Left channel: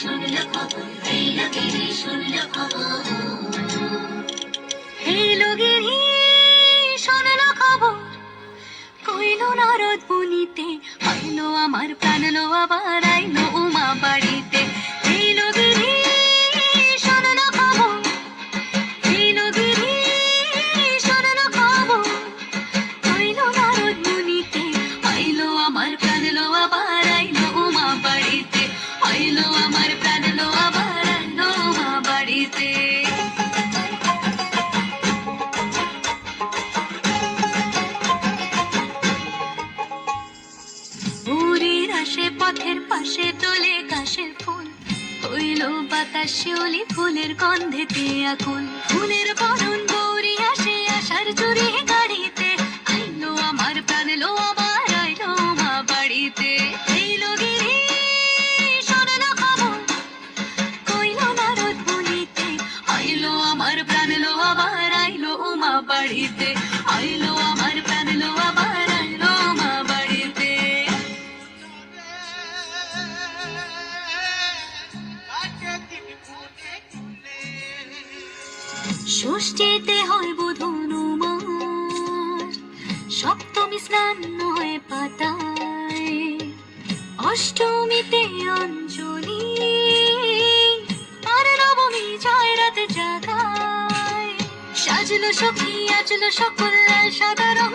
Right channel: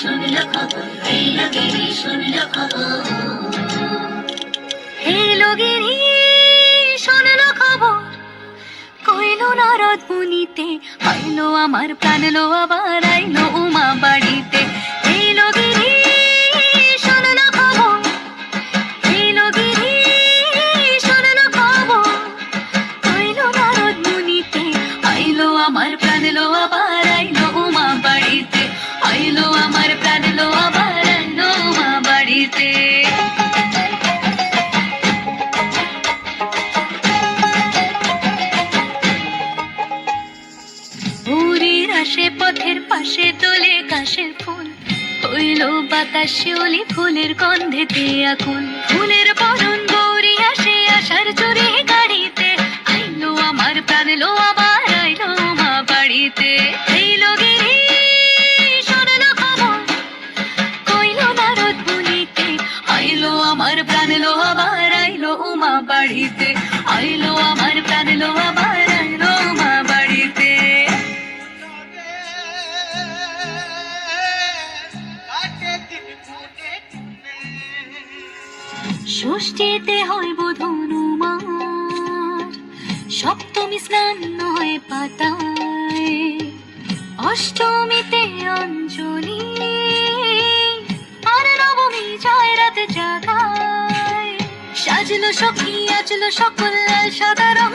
শুনলো খবর, এলো গিরি শুনলো খবর। এলো গিরি শুনলো খবর, কইলো নারদ মুনিতে, আইলো আমার প্রাণ লো আবার আইলো উমা বাড়িতে। এলো গিরি শুনলো খবর, এলো গিরি শুনলো খবর, কইলো নারদ মুনিতে, আইলো আমার প্রাণ লো আবার আইলো উমা বাড়িতে, আইলো আমার প্রাণ লো আবার আইলো উমা বাড়িতে। ভোরের আসে পথের পাশে তোলে কাশের ফুল, হইল বাতাস শিউলি ফুলের গন্ধেতে আকুল। ফুলের বরণ গৌরী আসে আশার চুরি গাড়িতে, আইলো আমার প্রাণ লো আবার আইলো মা বাড়িতে। এইলো গিরি শুনলো খবর, কইলো নারদ মুনিতে, আইলো আমার প্রাণ লো আবার আইলো উমা বাড়িতে, আইলো আমার প্রাণ লো আবার আইলো উমা বাড়িতে। ষষ্ঠীতে হইব ধনুমার, সপ্তমী স্নান নয় পাতায়, অষ্টমীতে অঞ্জলি, আর নবমী যায় রাতে জাগায়। সাজলো সখী আজলো সকল লাল সাদা রঙ